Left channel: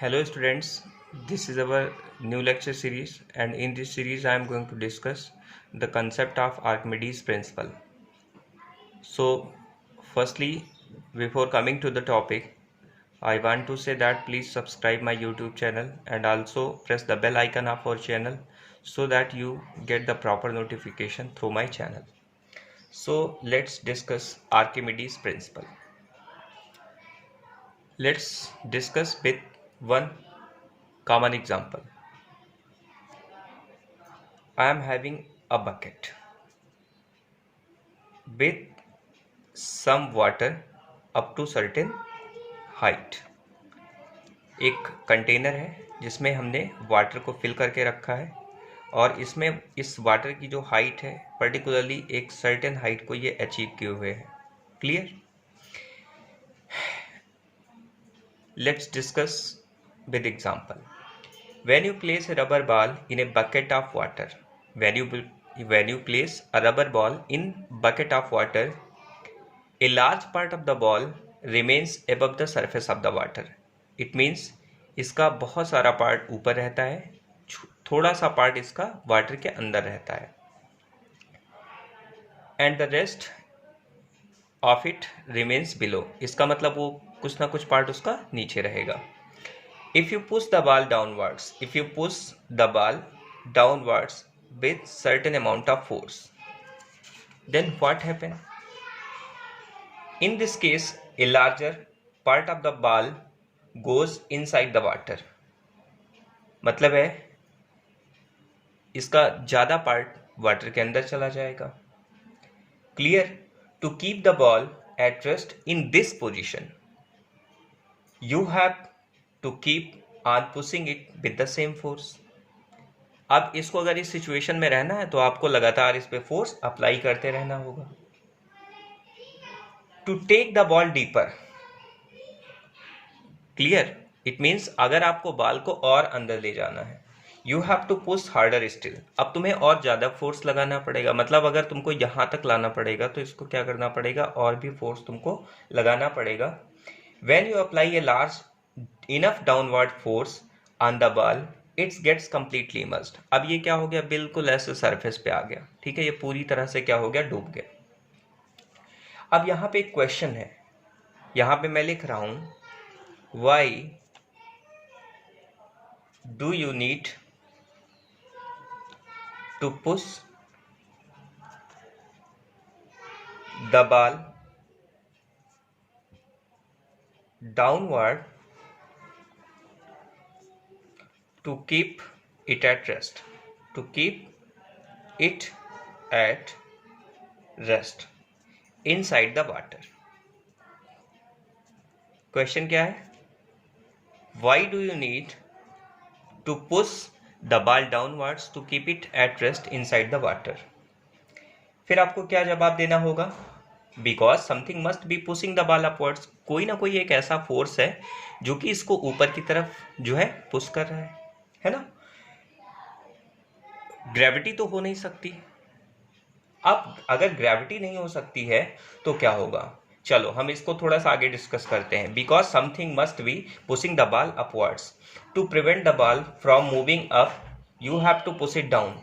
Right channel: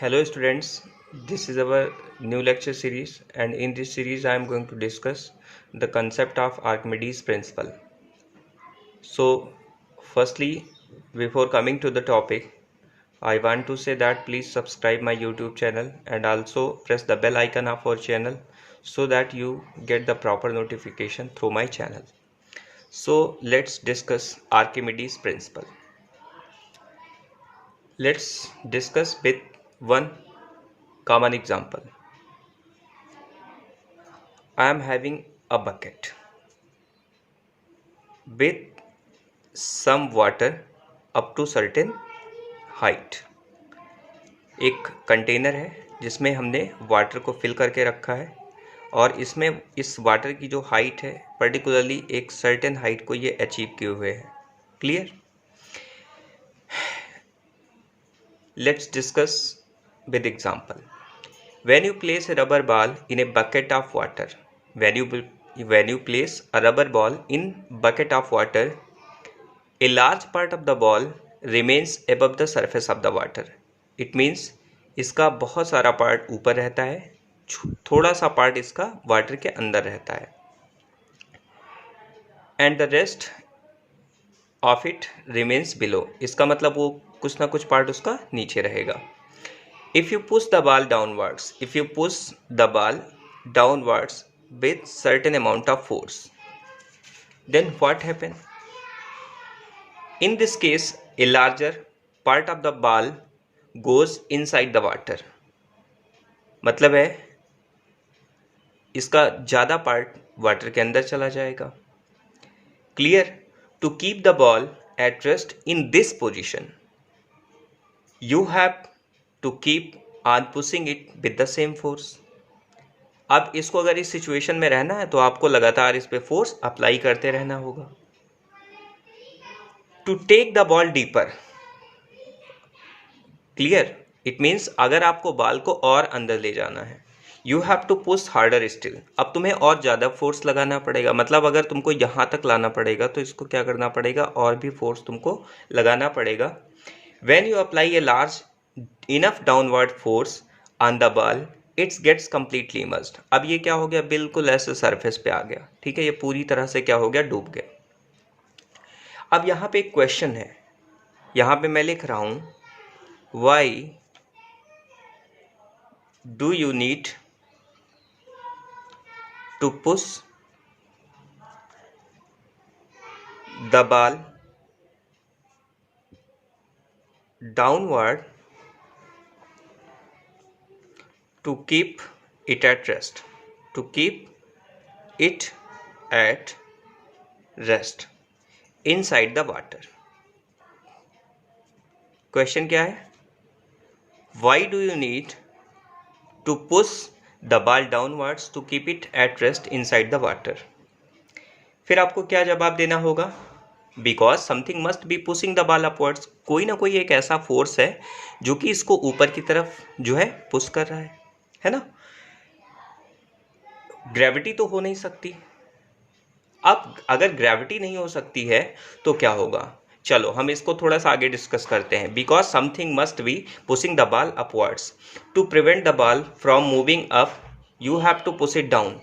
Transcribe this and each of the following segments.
Hello students, this is our new lecture series and in this series I am going to discuss the concept of Archimedes principle. So firstly, before coming to the topic, I want to say that please subscribe my YouTube channel and also press the bell icon of our channel so that you get the proper notification through my channel. So let's discuss Archimedes principle. Let's discuss with one common example. I am having a bucket with some water up to certain height. एक container है जिसमें हमने water को fill करके रखा है और इसमें इस वाटर की जो हाइट है पर्टिकुलरली एक सर्टेन हाइट को ये अचीव किए हुए है. Clear? Let's discuss with example. When you place a rubber ball in a bucket of water, when you place a rubber ball in bucket of water, a large part of the ball remains above the surface of the water. It means इसका बहुत सारा part ऊपर रहता है, थोड़ा सा part इसका water के अंदर रहता है, and the rest of it remains below. इसका मतलब वो कुछ ना कुछ पार्ट उसका नीचे रहेगा. If you push the ball downwards with certain amount of force, then what happen? In this case, a larger part of the ball goes inside the water. मतलब है इसका ज़्यादा पार्ट वाटर के अंदर चला जाएगा. Clear? To keep the ball at rest in this position, you have to keep on pushing it with the same force. अब इसको अगर इस सिचुएशन में रहना है तो आपको लगातार इस पे फोर्स अप्लाई करते रहना होगा. To take the ball deeper. Clear? It means अगर आपको बॉल को और अंदर ले जाना है, you have to push harder still. अब तुम्हें और ज़्यादा फोर्स लगाना पड़ेगा. मतलब अगर तुमको यहाँ तक लाना पड़ेगा तो इसको क्या करना पड़ेगा, और भी फोर्स तुमको लगाना पड़ेगा. When you apply a large enough downward force on the ball, its gets completely immersed. अब ये क्या हो गया, बिल्कुल ऐसे सरफेस पे आ गया. ठीक है, ये पूरी तरह से क्या हो गया, डूब गया. अब यहाँ पे एक क्वेश्चन है, यहाँ पे मैं लिख रहा हूँ, why do you need to push the ball downward to keep it at rest, to keep it at rest inside the water. Question क्या है? Why do you need to push the ball downwards to keep it at rest inside the water? फिर आपको क्या जवाब देना होगा? Because something must be pushing the ball upwards. कोई ना कोई एक ऐसा फोर्स है जो कि इसको ऊपर की तरफ जो है पुश कर रहा है ना. ग्रेविटी तो हो नहीं सकती. अब अगर ग्रेविटी नहीं हो सकती है तो क्या होगा, चलो हम इसको थोड़ा सा आगे डिस्कस करते हैं. Because something must be pushing the ball upwards. To prevent the ball from moving up, you have to push it down.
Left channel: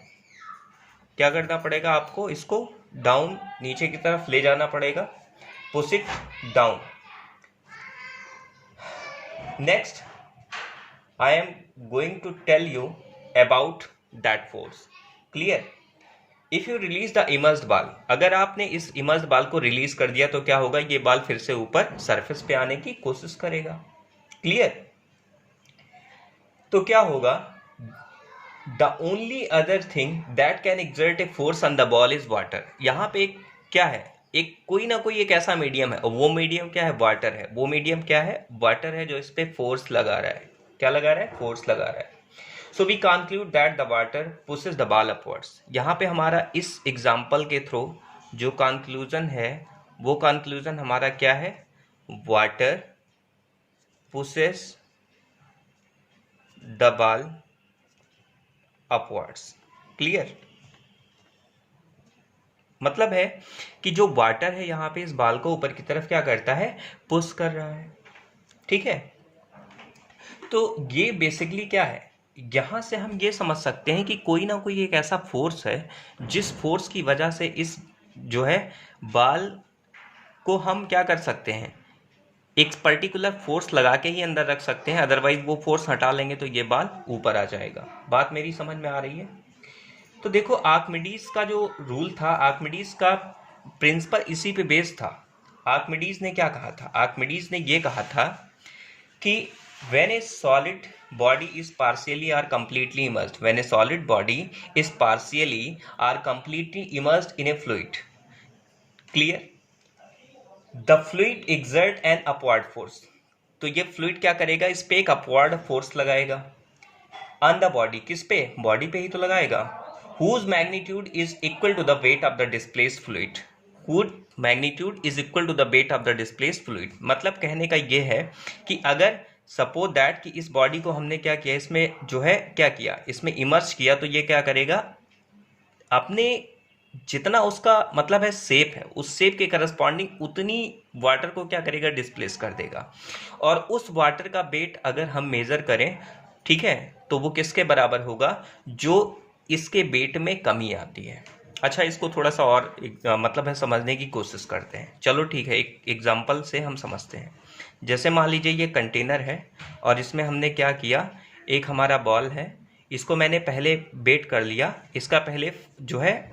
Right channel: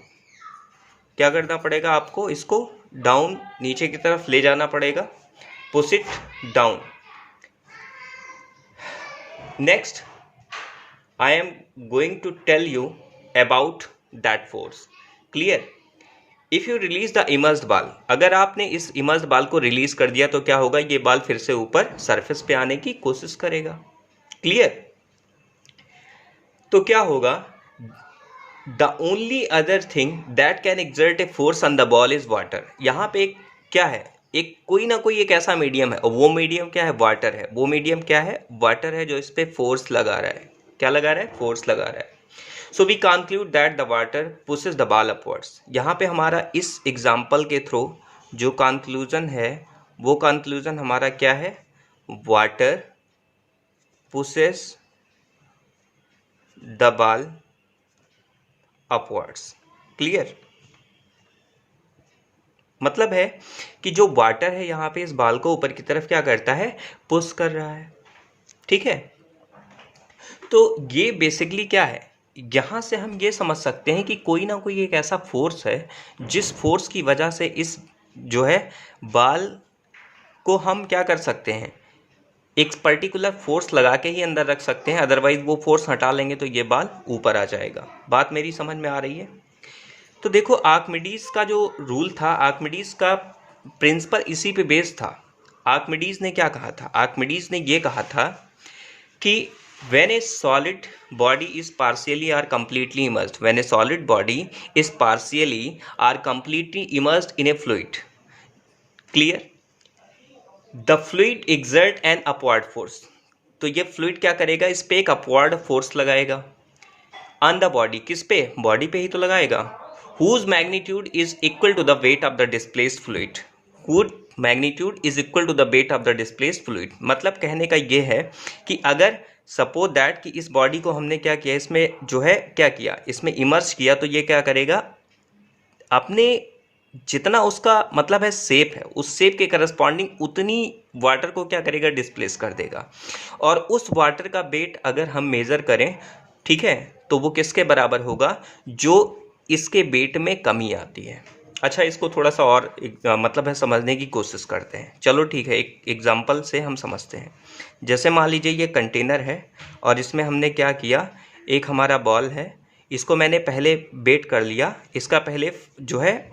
क्या करना पड़ेगा आपको, इसको डाउन नीचे की तरफ ले जाना पड़ेगा. Push it down. Next I am going to tell you about that force. Clear? If you release the immersed ball, अगर आपने इस immersed ball को रिलीज कर दिया तो क्या होगा, ये बॉल फिर से ऊपर सरफेस पे आने की कोशिश करेगा. क्लियर? तो क्या होगा, the only other thing that can exert a force on the ball is water. यहाँ पे एक क्या है, एक कोई ना कोई एक ऐसा मीडियम है, और वो मीडियम क्या है, वाटर है. वो मीडियम क्या है, वाटर है, जो इस पे फोर्स लगा रहा है. क्या लगा रहा है, फोर्स लगा रहा है. So we conclude that the water pushes the ball upwards. यहाँ पे हमारा इस एग्जाम्पल के थ्रू जो कंक्लूजन है, वो कंक्लूजन हमारा क्या है, water pushes the ball upwards. Clear? मतलब है कि जो वाटर है यहाँ पे इस बॉल को ऊपर की तरफ क्या करता है, पुश कर रहा है. ठीक है. तो ये बेसिकली क्या है, यहाँ से हम ये समझ सकते हैं कि कोई ना कोई एक ऐसा फोर्स है जिस फोर्स की वजह से इस जो है बाल को हम क्या कर सकते हैं, एक पर्टिकुलर फोर्स लगा के ही अंदर रख सकते हैं, अदरवाइज वो फोर्स हटा लेंगे तो ये बाल ऊपर आ जाएगा। बात मेरी समझ में आ रही है? तो देखो आर्किमिडीज का जो रूल था, आर्किमिडीज का प्रिंसिपल इसी पे बेस्ड था। आर्किमिडीज ने क्या कहा था, आर्किमिडीज ने ये कहा था कि when a solid body is partially or completely immersed, when a solid body is partially or completely immersed in a fluid, clear, the fluid exert an upward force, तो ये फ्लूइड क्या करेगा, इस पे एक अपवर्ड फोर्स लगाएगा on the body, किस पे, बॉडी पे ही तो लगाएगा, whose magnitude is equal to the weight of the displaced fluid, whose magnitude is equal to the weight of the displaced fluid। मतलब कहने का ये है कि अगर सपोज दैट कि इस बॉडी को हमने क्या किया, इसमें जो है क्या किया, इसमें इमर्स किया, तो ये क्या करेगा, अपने जितना उसका मतलब है शेप है, उस शेप के करस्पॉन्डिंग उतनी वाटर को क्या करेगा, डिस्प्लेस कर देगा। और उस वाटर का वेट अगर हम मेज़र करें, ठीक है, तो वो किसके बराबर होगा, जो इसके वेट में कमी आती है। अच्छा, इसको थोड़ा सा और मतलब है समझने की कोशिश करते हैं। चलो ठीक है, एक एग्जांपल से हम समझते हैं। जैसे मान लीजिए ये कंटेनर है और इसमें हमने क्या किया, एक हमारा बॉल है, इसको मैंने पहले वेट कर लिया, इसका पहले जो है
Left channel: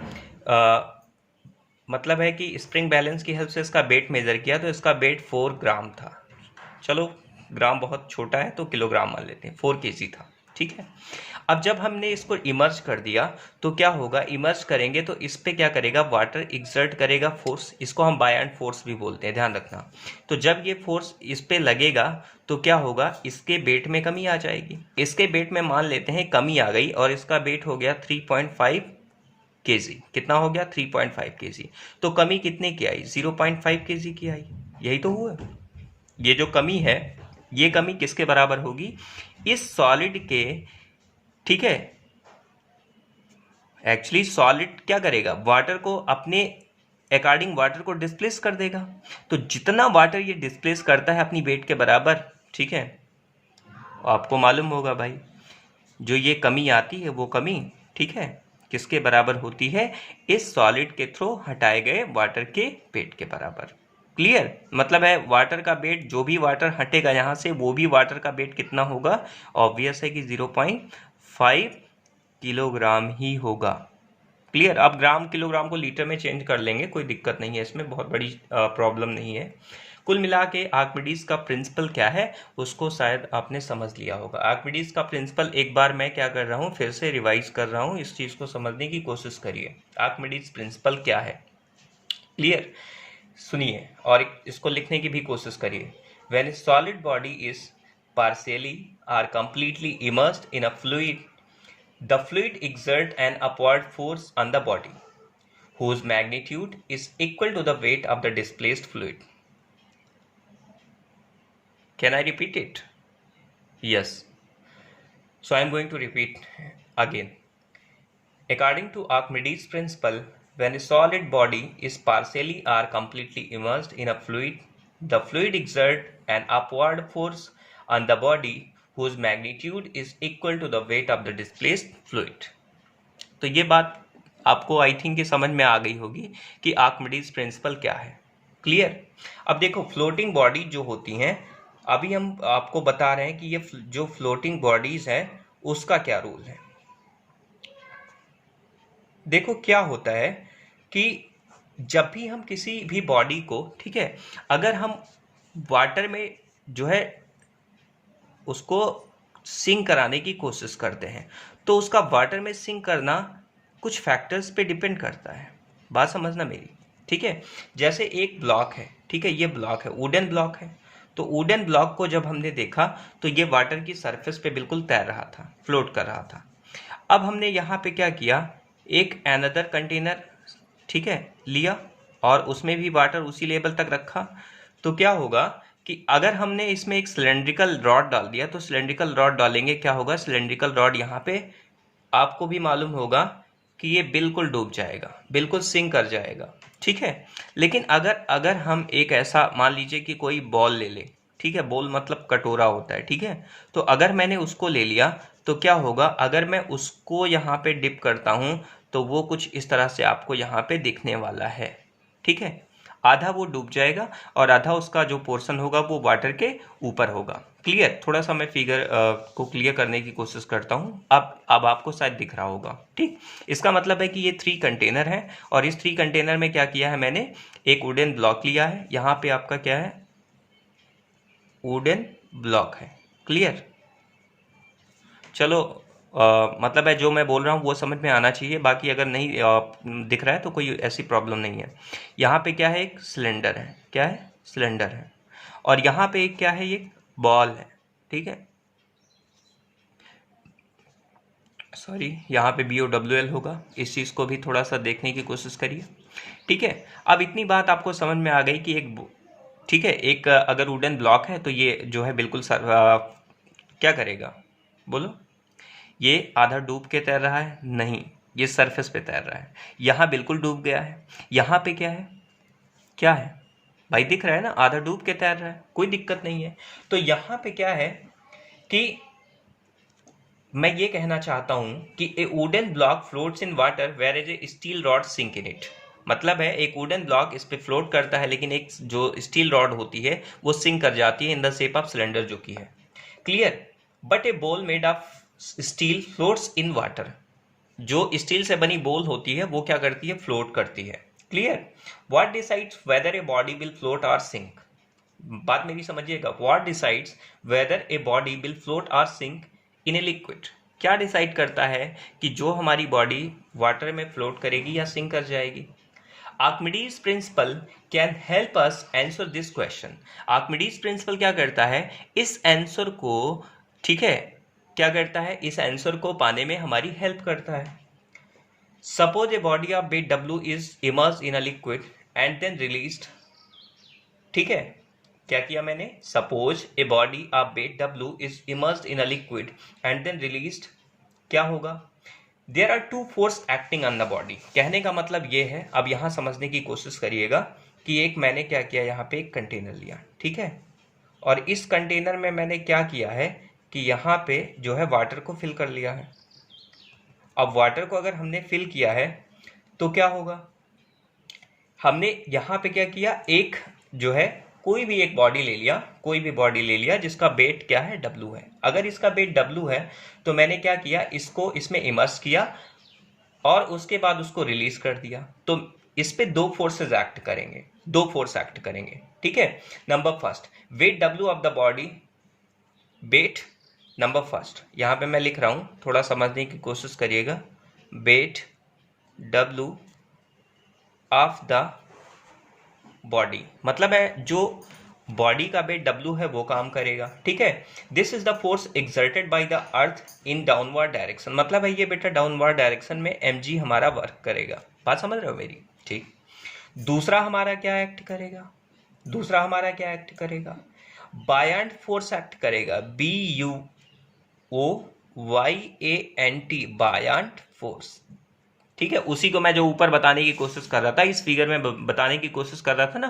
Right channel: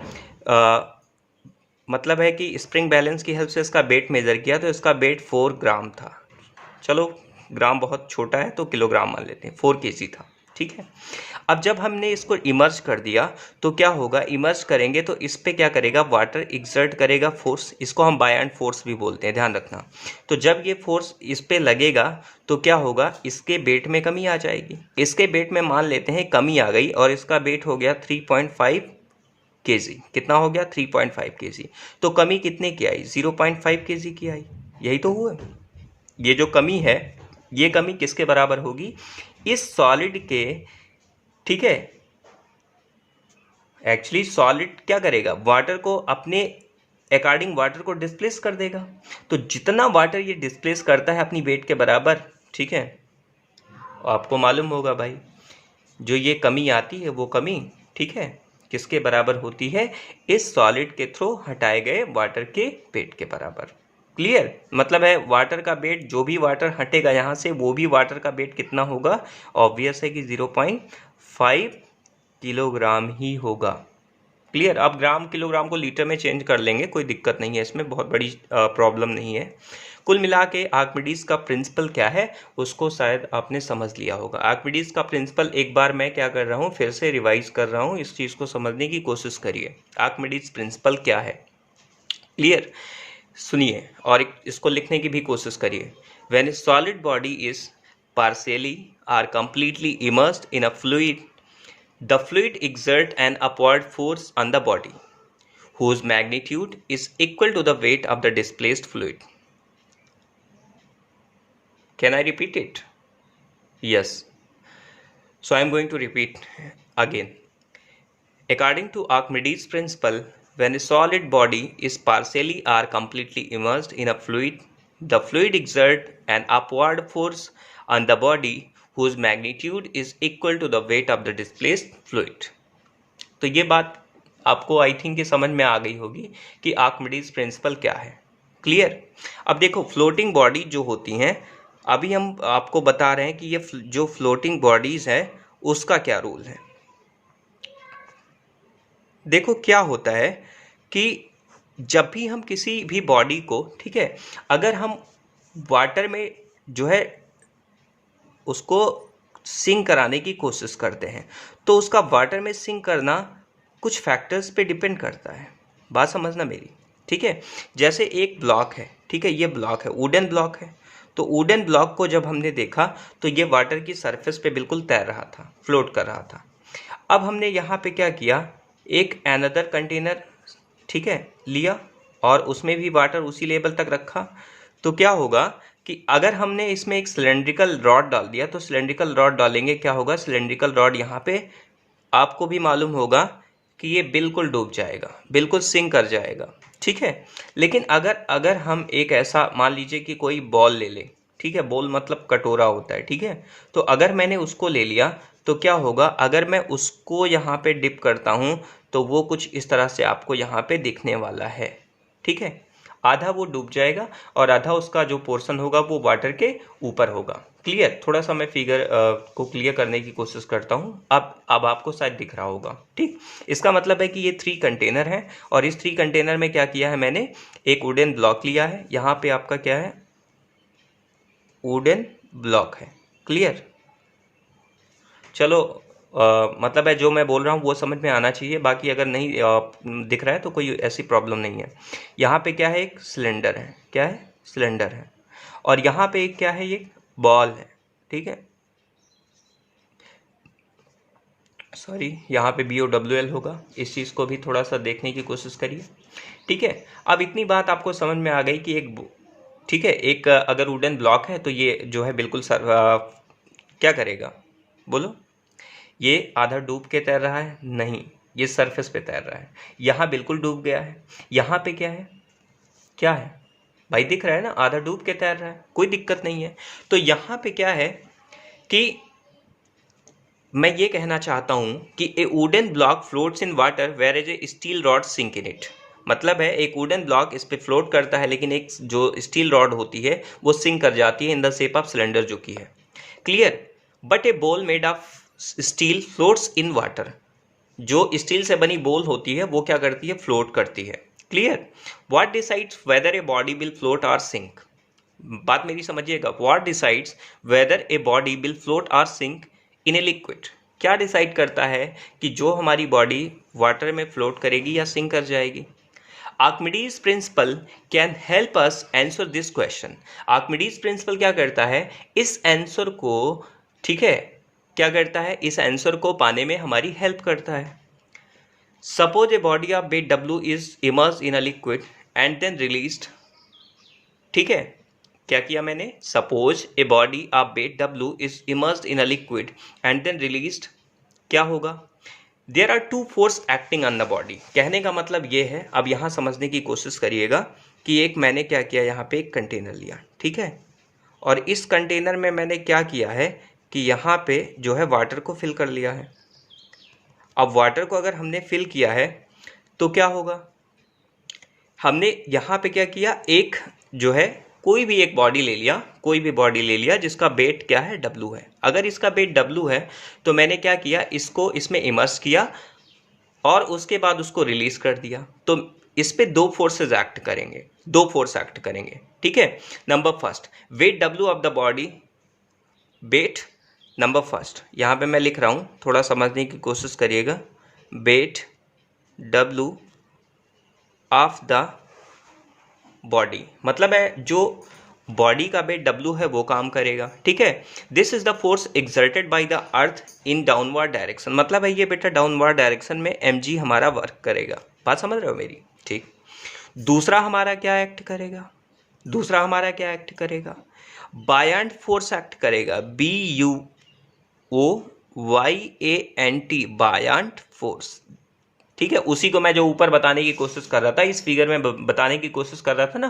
मतलब है कि स्प्रिंग बैलेंस की हेल्प से इसका वेट मेज़र किया, तो इसका वेट 4 ग्राम था। चलो ग्राम बहुत छोटा है तो किलोग्राम मान लेते हैं, 4 kg था, ठीक है। अब जब हमने इसको इमर्ज कर दिया तो क्या होगा, इमर्ज करेंगे तो इस पे क्या करेगा, वाटर एक्सर्ट करेगा फोर्स, इसको हम बायएंड फोर्स भी बोलते हैं, ध्यान रखना। तो जब ये फोर्स इस पे लगेगा तो क्या होगा, इसके वेट में कमी आ जाएगी। इसके वेट में मान लेते हैं कमी आ गई और इसका वेट हो गया 3.5 kg। कितना हो गया, 3.5 kg। तो कमी कितने की आई, 0.5 kg की आई, यही तो हुआ। ये जो कमी है, ये कमी किसके बराबर होगी, इस सॉलिड के, ठीक है। एक्चुअली सॉलिड क्या करेगा, वाटर को अपने अकॉर्डिंग वाटर को डिस्प्लेस कर देगा। तो जितना वाटर ये डिस्प्लेस करता है अपनी वेट के बराबर, ठीक है, आपको मालूम होगा भाई, जो ये कमी आती है वो कमी, ठीक है, किसके बराबर होती है, इस सॉलिड के थ्रू हटाए गए वाटर के वेट के बराबर। क्लियर, मतलब है वाटर का वेट, जो भी वाटर हटेगा यहाँ से, वो भी वाटर का वेट कितना होगा, ऑब्वियस है कि 0.5 किलोग्राम ही होगा। क्लियर, अब ग्राम किलोग्राम को लीटर में चेंज कर लेंगे, कोई दिक्कत नहीं है इसमें, बहुत बड़ी प्रॉब्लम नहीं है। कुल मिला के आर्किमिडीज का प्रिंसिपल क्या है उसको शायद आपने समझ लिया होगा। आर्किमिडीज का प्रिंसिपल एक बार मैं क्या कर रहा हूँ, फिर से रिवाइज कर रहा हूँ, इस चीज़ को समझने की कोशिश करिए। आर्किमिडीज प्रिंसिपल क्या है, क्लियर, सुनिए और इसको लिखने की भी कोशिश करिए। When a solid body is partially or completely immersed in a fluid, the fluid exert an upward force on the body whose magnitude is equal to the weight of the displaced fluid. Can I repeat it? Yes. So I am going to repeat again. According to Archimedes' principle, when a solid body is partially or completely immersed in a fluid, the fluid exerts an upward force on the body whose magnitude is equal to the weight of the displaced fluid. तो ये बात आपको I think कि समझ में आ गई होगी कि आर्किमिडीज प्रिंसिपल क्या है। क्लियर। अब देखो फ्लोटिंग बॉडी जो होती हैं, अभी हम आपको बता रहे हैं कि ये जो फ्लोटिंग बॉडीज है उसका क्या रूल है। देखो क्या होता है कि जब भी हम किसी भी बॉडी को, ठीक है, अगर हम वाटर में जो है उसको सिंक कराने की कोशिश करते हैं तो उसका वाटर में सिंक करना कुछ फैक्टर्स पे डिपेंड करता है। बात समझना मेरी, ठीक है। जैसे एक ब्लॉक है, ठीक है, ये ब्लॉक है, वुडन ब्लॉक है, तो वुडन ब्लॉक को जब हमने देखा तो ये वाटर की सरफेस पे बिल्कुल तैर रहा था, फ्लोट कर रहा था। अब हमने यहाँ पे क्या किया, एक अनदर कंटेनर, ठीक है, लिया और उसमें भी वाटर उसी लेवल तक रखा। तो क्या होगा कि अगर हमने इसमें एक सिलेंड्रिकल रॉड डाल दिया, तो सिलेंड्रिकल रॉड डालेंगे क्या होगा, सिलेंड्रिकल रॉड यहाँ पे आपको भी मालूम होगा कि ये बिल्कुल डूब जाएगा, बिल्कुल सिंक कर जाएगा, ठीक है। लेकिन अगर हम एक ऐसा मान लीजिए कि कोई बॉल ले लें, ठीक है, बोल मतलब कटोरा होता है, ठीक है। तो अगर मैंने उसको ले लिया तो क्या होगा, अगर मैं उसको यहाँ पे डिप करता हूँ तो वो कुछ इस तरह से आपको यहाँ पे दिखने वाला है, ठीक है। आधा वो डूब जाएगा और आधा उसका जो पोर्शन होगा वो वाटर के ऊपर होगा। क्लियर? थोड़ा सा मैं फिगर को क्लियर करने की कोशिश करता हूँ। अब आपको शायद दिख रहा होगा, ठीक। इसका मतलब है कि ये 3 कंटेनर है और इस 3 कंटेनर में क्या किया है मैंने, एक वुडन ब्लॉक लिया है। यहाँ पे आपका क्या है, वुडन ब्लॉक है। क्लियर? चलो, मतलब है जो मैं बोल रहा हूँ वो समझ में आना चाहिए, बाकी अगर नहीं दिख रहा है तो कोई ऐसी प्रॉब्लम नहीं है। यहाँ पे क्या है, एक सिलेंडर है। क्या है? सिलेंडर है। और यहाँ पे एक क्या है, एक बॉल है, ठीक है। सॉरी, यहाँ पे BOWL होगा। इस चीज़ को भी थोड़ा सा देखने की कोशिश करिए, ठीक है। अब इतनी बात आपको समझ में आ गई कि ठीक है, एक अगर वुडन ब्लॉक है तो ये जो है बिल्कुल क्या करेगा, बोलो। ये आधा डूब के तैर रहा है? नहीं, ये सरफेस पे तैर रहा है। यहाँ बिल्कुल डूब गया है। यहाँ पे क्या है, क्या है भाई, दिख रहा है ना, आधा डूब के तैर रहा है, कोई दिक्कत नहीं है। तो यहाँ पे क्या है कि मैं ये कहना चाहता हूँ कि a wooden block floats in water whereas a steel rod sink in it. मतलब है एक वुडन ब्लॉक इस पे फ्लोट करता है, लेकिन एक जो स्टील रॉड होती है वो सिंक कर जाती है in the shape of cylinder जो की है। Clear? But A ball made of steel floats in water. जो स्टील से बनी बॉल होती है वो क्या करती है, फ्लोट करती है। Clear? What decides whether a body will float और सिंक? बात मेरी समझिएगा। What decides whether a body will float और सिंक इन ए लिक्विड? क्या डिसाइड करता है कि जो हमारी बॉडी वाटर में फ्लोट करेगी या सिंक कर जाएगी? Archimedes principal can help us answer this question. Archimedes principal क्या करता है, इस आंसर को, ठीक है, क्या करता है, इस आंसर को पाने में हमारी हेल्प करता है। Suppose a body of weight W is immersed in a liquid and then released. ठीक है, क्या किया मैंने, suppose a body of weight W is immersed in a liquid and then released, क्या होगा, there are 2 forces acting on the body. कहने का मतलब ये है, अब यहाँ समझने की कोशिश करिएगा कि एक मैंने क्या किया, यहाँ पे एक कंटेनर लिया, ठीक है, और इस कंटेनर में मैंने क्या किया है कि यहाँ पे जो है वाटर को फिल कर लिया है। अब वाटर को अगर हमने फिल किया है तो क्या होगा, हमने यहाँ पे क्या किया, एक जो है कोई भी एक बॉडी ले लिया, कोई भी बॉडी ले लिया जिसका वेट क्या है, W है। अगर इसका वेट W है तो मैंने क्या किया, इसको इसमें इमर्स किया और उसके बाद उसको रिलीज कर दिया। तो इस पे 2 फोर्सेस एक्ट करेंगे, 2 फोर्स एक्ट करेंगे, ठीक है। Number first, weight W of the body, weight number first, यहाँ पे मैं लिख रहा हूँ, थोड़ा समझने की कोशिश करिएगा। Weight W of the body मतलब है जो बॉडी का वेट W है वो काम करेगा, ठीक है। This is the force exerted by the earth in downward direction, मतलब है ये बेटा डाउनवर्ड डायरेक्शन में mg हमारा वर्क करेगा। बात समझ रहे हो मेरी, ठीक। दूसरा हमारा क्या एक्ट करेगा, दूसरा हमारा क्या एक्ट करेगा, बायंट फोर्स एक्ट करेगा, BUOYANT, बायंट फोर्स, ठीक है। उसी को मैं जो ऊपर बताने की कोशिश कर रहा था, इस फिगर में बताने की कोशिश कर रहा था ना,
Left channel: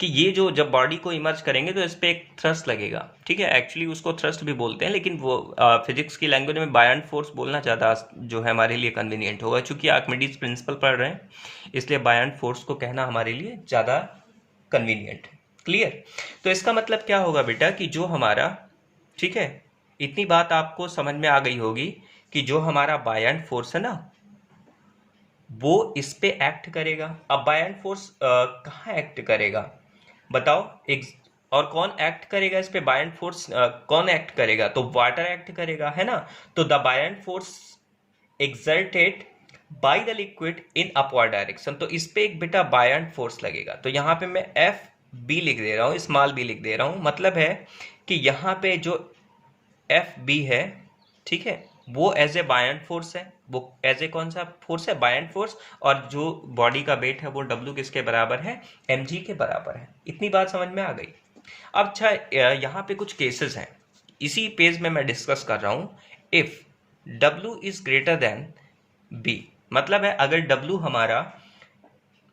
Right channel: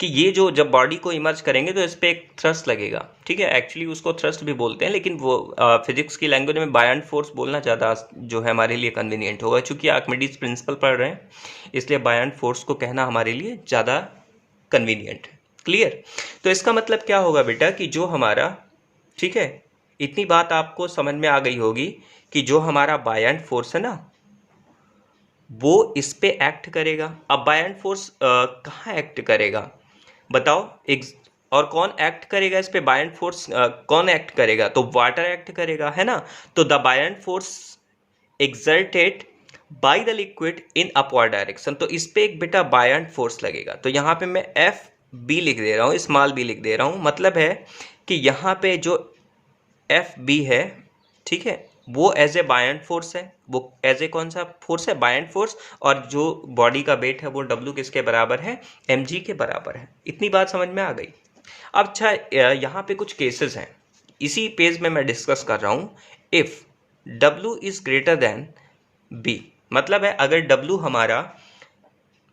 कि ये जो जब बॉडी को इमर्ज करेंगे तो इस पर एक थ्रस्ट लगेगा, ठीक है। एक्चुअली उसको थ्रस्ट भी बोलते हैं, लेकिन वो फिजिक्स की लैंग्वेज में बायंट फोर्स बोलना ज़्यादा जो है हमारे लिए कन्वीनियंट होगा। चूंकि आर्किमिडीज प्रिंसिपल पढ़ रहे हैं इसलिए बायंट फोर्स को कहना हमारे लिए ज़्यादा कन्वीनियंट है। क्लियर? तो इसका मतलब क्या होगा बेटा कि जो हमारा, ठीक है, इतनी बात आपको समझ में आ गई होगी कि जो हमारा बायंट फोर्स है ना वो इस पे एक्ट करेगा। अब बायंट फोर्स कहाँ एक्ट करेगा बताओ, और कौन एक्ट करेगा इस पे, बायंट फोर्स कौन एक्ट करेगा, तो वाटर एक्ट करेगा, है ना। तो the buoyant force exerted by the liquid in upward direction, तो इस पे एक बेटा बायंट फोर्स लगेगा। तो यहाँ पे मैं FB लिख दे रहा हूँ, स्मॉल b लिख दे रहा हूँ, मतलब है कि यहाँ पे जो FB है, ठीक है, वो एज ए बायंट फोर्स है, वो एज ए कौन सा फोर्स है, बायंट फोर्स। और जो बॉडी का वेट है वो W किसके बराबर है, mg के बराबर है। इतनी बात समझ में आ गई। अब अच्छा, यहाँ पे कुछ केसेस हैं, इसी पेज में मैं डिस्कस कर रहा हूँ। If W is greater than B, मतलब है अगर W हमारा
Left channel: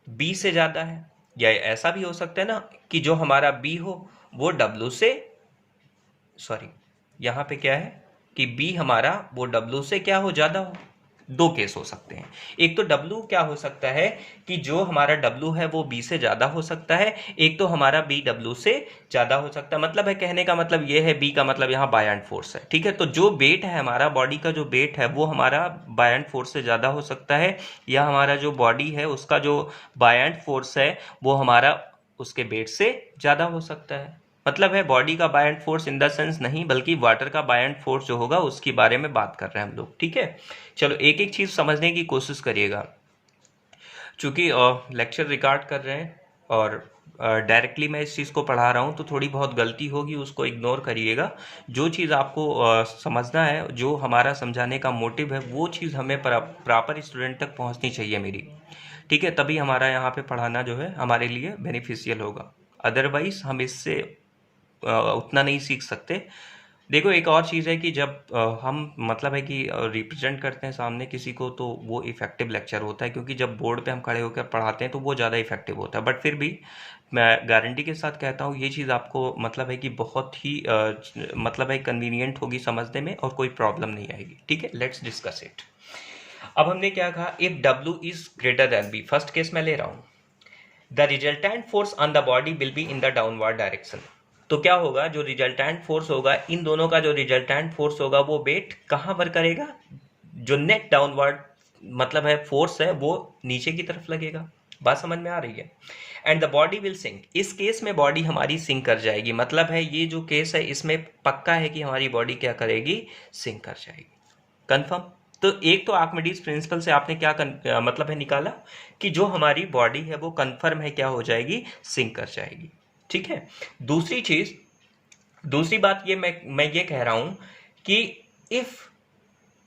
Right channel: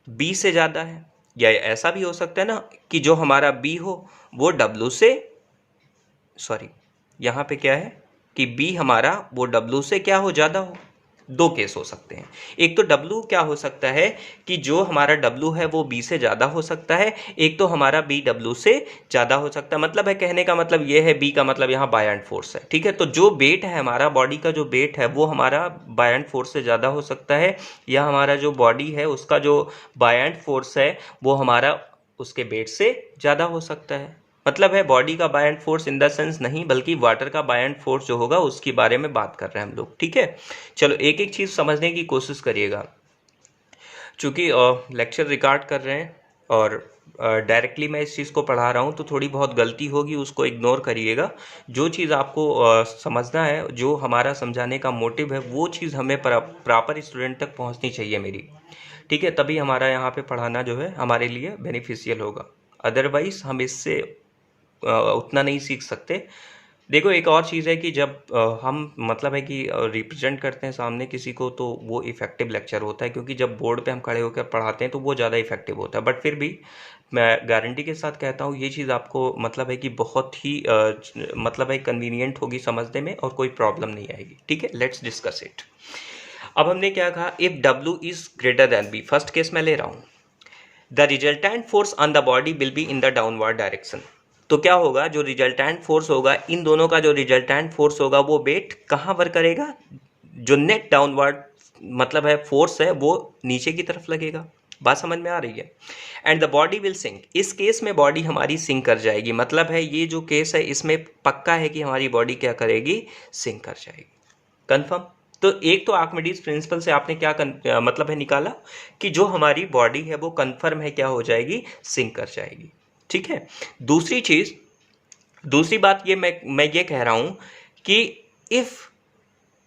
B से ज़्यादा है, या ऐसा भी हो सकता है ना कि जो हमारा B हो वो W से सॉरी, यहाँ पे क्या है कि बी हमारा वो डब्लू से क्या हो, ज़्यादा हो। दो केस हो सकते हैं, एक तो डब्लू क्या हो सकता है कि जो हमारा डब्लू है वो बी से ज़्यादा हो सकता है, एक तो हमारा बी डब्लू से ज़्यादा हो सकता है। मतलब है, कहने का मतलब ये है, बी का मतलब यहाँ बायएंड फोर्स है, ठीक है। तो जो वेट है हमारा बॉडी का, जो वेट है वो हमारा बायएंड फोर्स से ज़्यादा हो सकता है, या हमारा जो बॉडी है उसका जो बायएंड फोर्स है वो हमारा उसके वेट से ज़्यादा हो सकता है। मतलब है बॉडी का BIND force in the sense नहीं, बल्कि वाटर का बायएंड फोर्स जो होगा उसके बारे में बात कर रहे हैं हम लोग, ठीक है। चलो एक एक चीज़ समझने की कोशिश करिएगा। चूँकि लेक्चर रिकॉर्ड कर रहे हैं और डायरेक्टली मैं इस चीज़ को पढ़ा रहा हूँ, तो थोड़ी बहुत गलती होगी, उसको इग्नोर करिएगा। जो चीज़ आपको समझना है, जो हमारा समझाने का मोटिव है, वो चीज़ हमें प्रॉपर स्टूडेंट तक पहुँचनी चाहिए मेरी, ठीक है। तभी हमारा यहाँ पे पढ़ाना जो है हमारे लिए बेनिफिशियल होगा, अदरवाइज हम इससे उतना नहीं सीख सकते। देखो एक और चीज़ है कि जब हम मतलब है कि रिप्रेजेंट करते हैं सामने किसी को, तो वो इफ़ेक्टिव लेक्चर होता है, क्योंकि जब बोर्ड पे हम खड़े होकर पढ़ाते हैं तो वो ज़्यादा इफ़ेक्टिव होता है। बट फिर भी मैं गारंटी के साथ कहता हूँ ये चीज़ आपको मतलब है कि बहुत ही मतलब है कन्वीनियंट होगी समझने में, और कोई प्रॉब्लम नहीं आएगी, ठीक है। लेट्स डिस्कस इट। अब हमने क्या कहा, इफ़ डब्ल्यू is greater than b, first case मैं ले रहा हूँ, the resultant force on the body will be in the downward direction. तो क्या होगा, जो रिजल्टेंट फोर्स होगा, इन दोनों का जो रिजल्टेंट फोर्स होगा वो वेट कहाँ पर करेगा, जो नेट डाउनवर्ड मतलब है फोर्स है वो नीचे की तरफ लगेगा। बात समझ में आ रही है। And the body will sink, इस केस में बॉडी हमारी सिंक कर जाएगी। मतलब है ये जो केस है इसमें पक्का है कि हमारी बॉडी क्या करेगी, सिंक कर जाएगी। कंफर्म। तो एक तो आर्किमिडीज प्रिंसिपल से आपने क्या मतलब है निकाला कि जो हमारी बॉडी है वो कंफर्म है क्या हो जाएगी, सिंक कर जाएगी, ठीक है। दूसरी चीज, दूसरी बात ये मैं ये कह रहा हूं कि if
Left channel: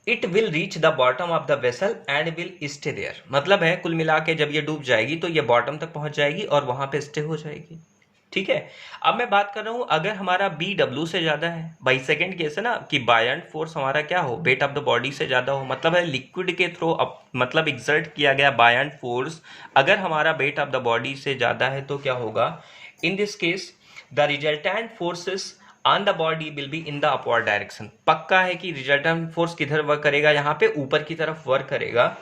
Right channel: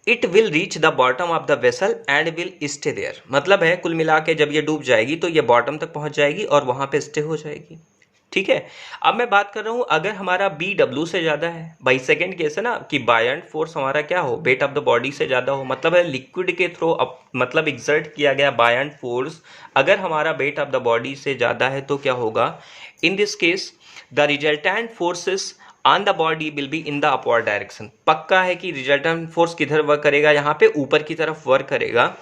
it will reach the bottom of the vessel and will stay there, मतलब है कुल मिला के जब ये डूब जाएगी तो ये बॉटम तक पहुंच जाएगी और वहां पे स्टे हो जाएगी, ठीक है। अब मैं बात कर रहा हूं अगर हमारा बी डब्ल्यू से ज्यादा है, भाई सेकंड केस है ना कि बायएंड फोर्स हमारा क्या हो, वेट ऑफ द बॉडी से ज्यादा हो, मतलब है लिक्विड के थ्रू मतलब एग्जर्ट किया गया बायएंड फोर्स अगर हमारा वेट ऑफ द बॉडी से ज्यादा है तो क्या होगा, in this case the resultant forces on the body will be in the upward direction. पक्का है कि रिजल्टेंट फोर्स किधर वर्क करेगा, यहाँ पे ऊपर की तरफ वर्क करेगा।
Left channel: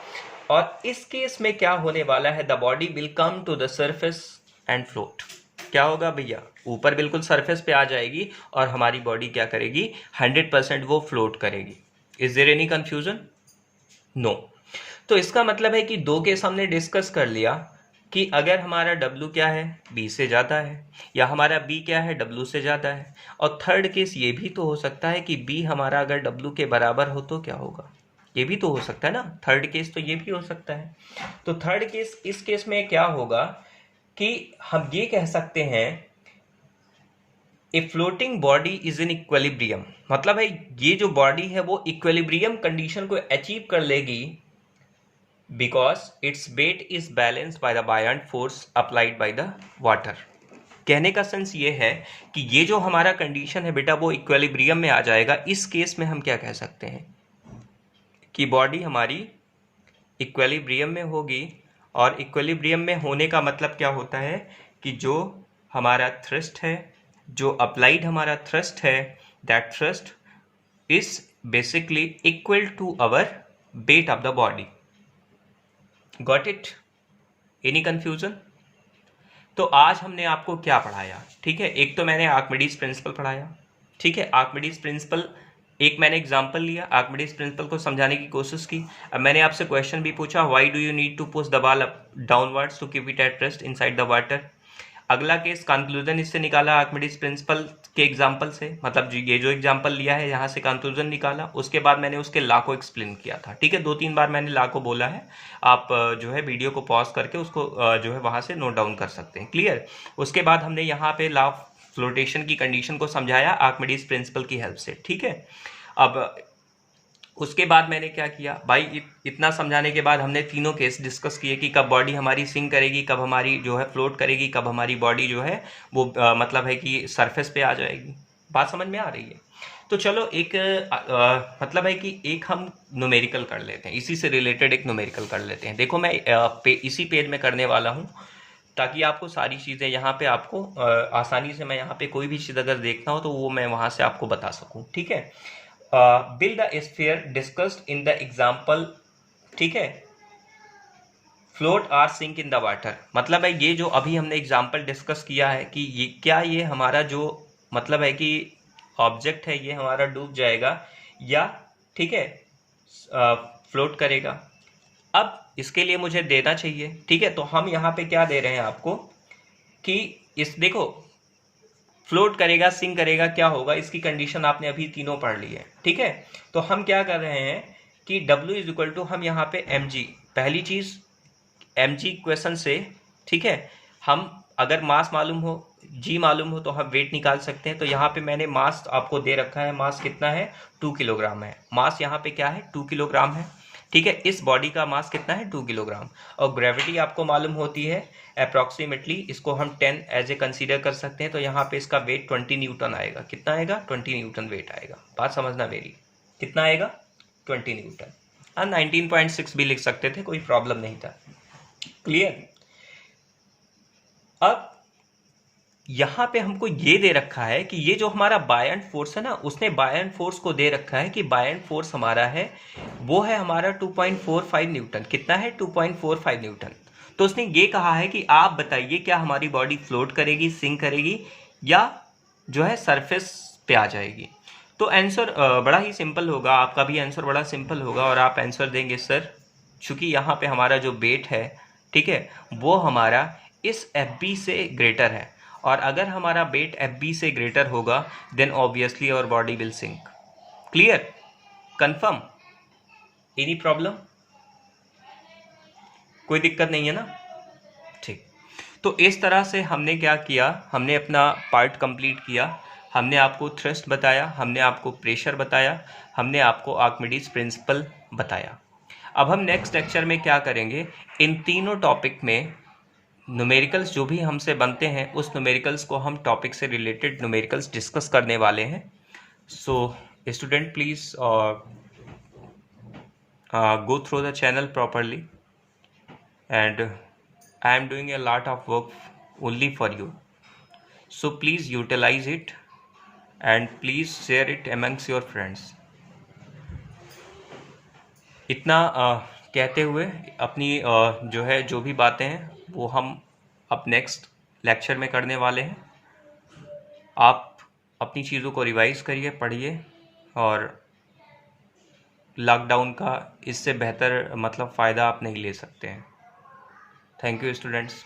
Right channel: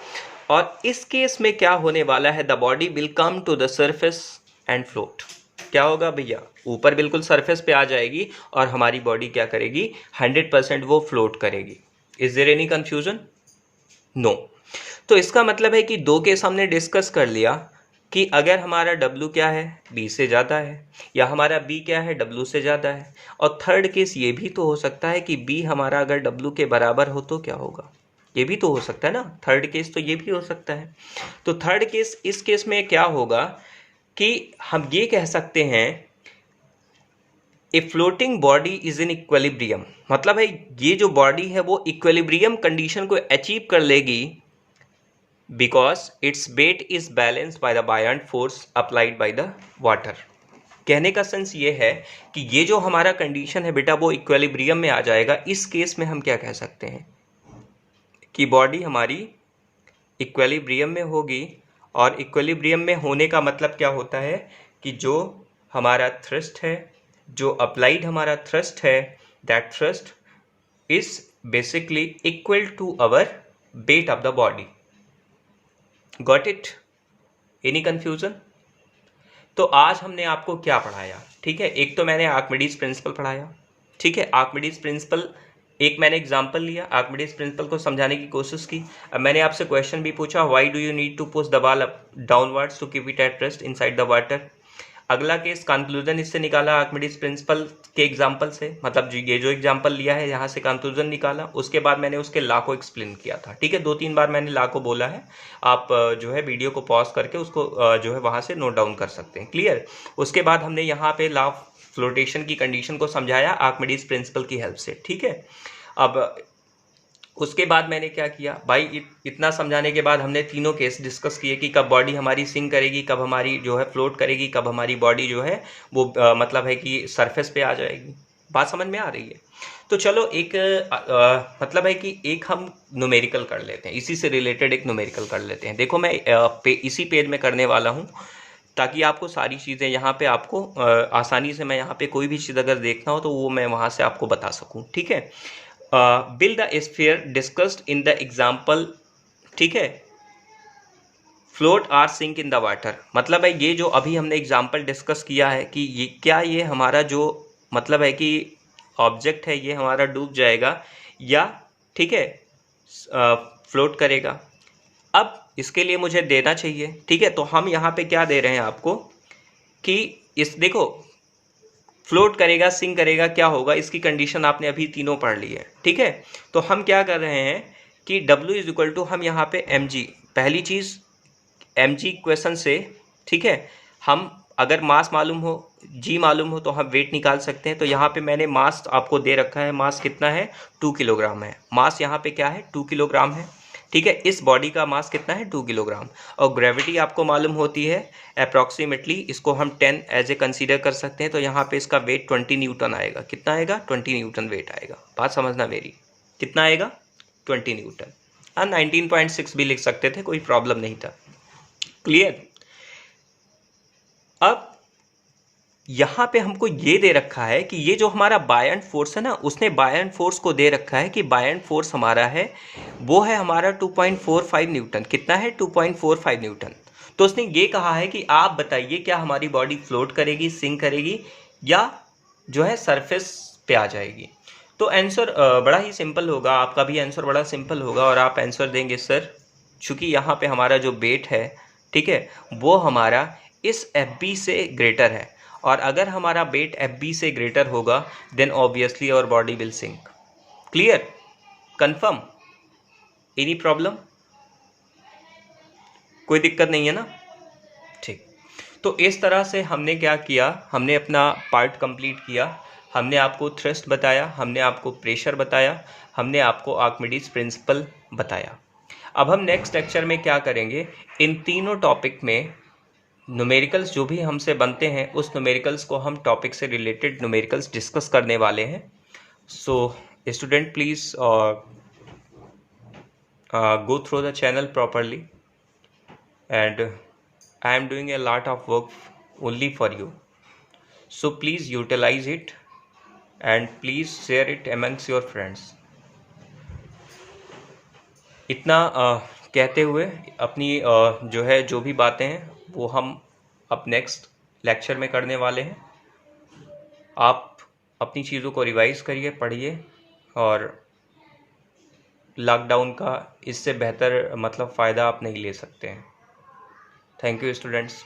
और इस केस में क्या होने वाला है, the body will come to the surface and float. क्या होगा भैया, ऊपर बिल्कुल सरफेस पे आ जाएगी और हमारी बॉडी क्या करेगी, 100% वो फ्लोट करेगी। Is there any confusion? No. तो इसका मतलब है कि दो केस हमने डिस्कस कर लिया कि अगर हमारा W क्या है, B से ज़्यादा है, या हमारा B क्या है, W से ज़्यादा है। और थर्ड केस ये भी तो हो सकता है कि B हमारा अगर W के बराबर हो तो क्या होगा, ये भी तो हो सकता है ना। थर्ड केस तो ये भी हो सकता है। तो थर्ड केस, इस केस में क्या होगा कि हम ये कह सकते हैं a floating body is in equilibrium, मतलब है ये जो बॉडी है वो इक्विलिब्रियम कंडीशन को अचीव कर लेगी because its weight is balanced by the buoyant force applied by the water. कहने का सेंस ये है कि ये जो हमारा कंडीशन है बेटा वो इक्विलिब्रियम में आ जाएगा। इस केस में हम क्या कह सकते हैं कि बॉडी हमारी इक्विलिब्रियम में होगी, और इक्विलिब्रियम में होने का मतलब क्या होता है कि जो हमारा थ्रस्ट है, जो अप्लाइड हमारा थ्रस्ट है, that thrust is basically equal to our weight of the body. Got it? Any confusion? तो आज हमने आपको क्या पढ़ाया, ठीक है। एक तो मैंने आर्किमिडीज प्रिंसिपल पढ़ाया, ठीक है। आर्किमिडीज प्रिंसिपल एक मैंने एग्जांपल लिया, आर्किमिडीज प्रिंसिपल को समझाने की कोशिश की। अब मैंने आपसे क्वेश्चन भी पूछा, why do you need to push the ball up downwards to keep it at rest inside the water. अगला केस कंक्लूजन इससे निकाला आर्किमिडीज प्रिंसिपल के एग्जांपल से, मतलब ये जो एग्जांपल लिया है यहाँ से कंक्लूजन निकाला। उसके बाद मैंने उसके लॉ को एक्सप्लेन किया था, ठीक है। 2-3 बार मैंने लॉ को बोला है, आप जो है वीडियो को पॉज करके उसको जो है वहाँ से नोट डाउन कर सकते हैं, क्लियर। उसके बाद हमने यहाँ पे लॉ ऑफ फ्लोटेशन की कंडीशन को समझाया आर्किमिडीज प्रिंसिपल की हेल्प से, ठीक है। अब उसके बाद मैंने क्या किया भाई, इतना समझाने के बाद हमने तीनों केस डिस्कस किए कि कब बॉडी हमारी सिंक करेगी, कब हमारी जो है फ्लोट करेगी, कब हमारी बॉडी जो है वो मतलब है कि सरफेस पे आ जाएगी। बात समझ में आ रही है? तो चलो एक मतलब है कि एक हम न्यूमेरिकल कर लेते हैं, इसी से रिलेटेड एक न्यूमेरिकल कर लेते हैं। देखो मैं इसी पेज में करने वाला हूँ ताकि आपको सारी चीज़ें यहाँ पे आपको आसानी से, मैं यहाँ पे कोई भी चीज़ अगर देखना हो तो वो मैं वहाँ से आपको बता सकूँ, ठीक है। Build the sphere discussed in the example, ठीक है, float or sink in the water. मतलब है ये जो अभी हमने एग्जाम्पल डिस्कस किया है कि ये क्या, ये हमारा जो मतलब है कि ऑब्जेक्ट है ये हमारा डूब जाएगा या, ठीक है, फ्लोट करेगा। अब इसके लिए मुझे देना चाहिए, ठीक है। तो हम यहाँ पे क्या दे रहे हैं आपको कि इस देखो, फ्लोट करेगा, सिंक करेगा, क्या होगा, इसकी कंडीशन आपने अभी तीनों पढ़ ली है, ठीक है। तो हम क्या कर रहे हैं कि W इज इक्वल टू, हम यहाँ पे mg, पहली चीज़ mg इक्वेशन से, ठीक है, हम अगर मास मालूम हो, g मालूम हो, तो हम वेट निकाल सकते हैं। तो यहाँ पे मैंने मास आपको दे रखा है, मास कितना है, 2 किलोग्राम है। मास यहाँ पे क्या है, 2 किलोग्राम है, ठीक है। इस बॉडी का मास कितना है, 2 किलोग्राम। और ग्रेविटी आपको मालूम होती है अप्रॉक्सीमेटली, इसको हम 10 एज ए कंसीडर कर सकते हैं। तो यहाँ पे इसका वेट 20 न्यूटन आएगा। कितना आएगा, 20 न्यूटन वेट आएगा। बात समझना मेरी, कितना आएगा, 20 न्यूटन। हाँ, 19.6 भी लिख सकते थे, कोई प्रॉब्लम नहीं था। क्लियर। अब यहाँ पे हमको ये दे रखा है कि ये जो हमारा बायन फोर्स है ना, उसने बायन फोर्स को दे रखा है कि बायन फोर्स हमारा है वो है हमारा 2.45 न्यूटन। कितना है, 2.45 न्यूटन। तो उसने ये कहा है कि आप बताइए क्या हमारी बॉडी फ्लोट करेगी, सिंक करेगी, या जो है सरफेस पे आ जाएगी। तो आंसर बड़ा ही सिंपल होगा, आपका भी आंसर बड़ा सिंपल होगा और आप आंसर देंगे सर, चूँकि यहाँ पे हमारा जो वेट है, ठीक है, वो हमारा इस FB से ग्रेटर है। और अगर हमारा वेट FB से ग्रेटर होगा then obviously our body will sink. Clear, confirm, any problem, कोई दिक्कत नहीं है ना, ठीक। तो इस तरह से हमने क्या किया, हमने अपना पार्ट कंप्लीट किया। हमने आपको थ्रस्ट बताया, हमने आपको प्रेशर बताया, हमने आपको आर्किमिडीज प्रिंसिपल बताया। अब हम नेक्स्ट लेक्चर में क्या करेंगे, इन तीनों टॉपिक में न्यूमेरिकल्स जो भी हमसे बनते हैं उस न्यूमेरिकल्स को हम टॉपिक से रिलेटेड न्यूमेरिकल्स डिस्कस करने वाले हैं। So student please go through the channel properly, and I am doing a lot of work only for you, so please utilize it and please share it amongst your friends. इतना कहते हुए अपनी जो है, जो भी बातें हैं वो हम अब नेक्स्ट लेक्चर में करने वाले हैं। आप अपनी चीज़ों को रिवाइज करिए, पढ़िए, और लॉकडाउन का इससे बेहतर मतलब फ़ायदा आप नहीं ले सकते हैं। Thank you students.